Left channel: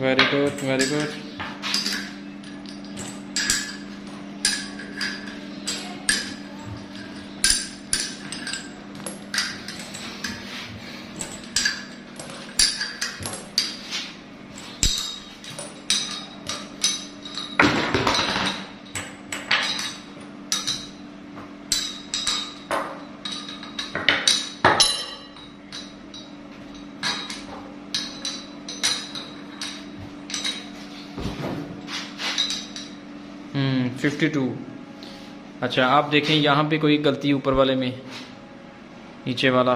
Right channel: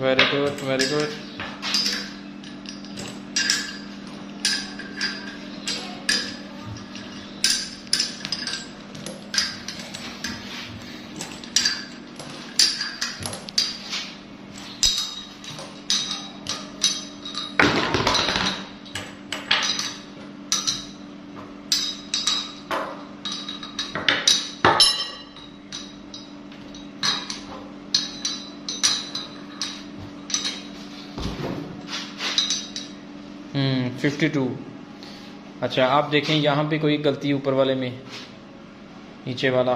Very good, very good. Hmm, 52। अच्छा, आप देखें यहाँ पे कोई गलती ऊपर वाले में, नीचे वाला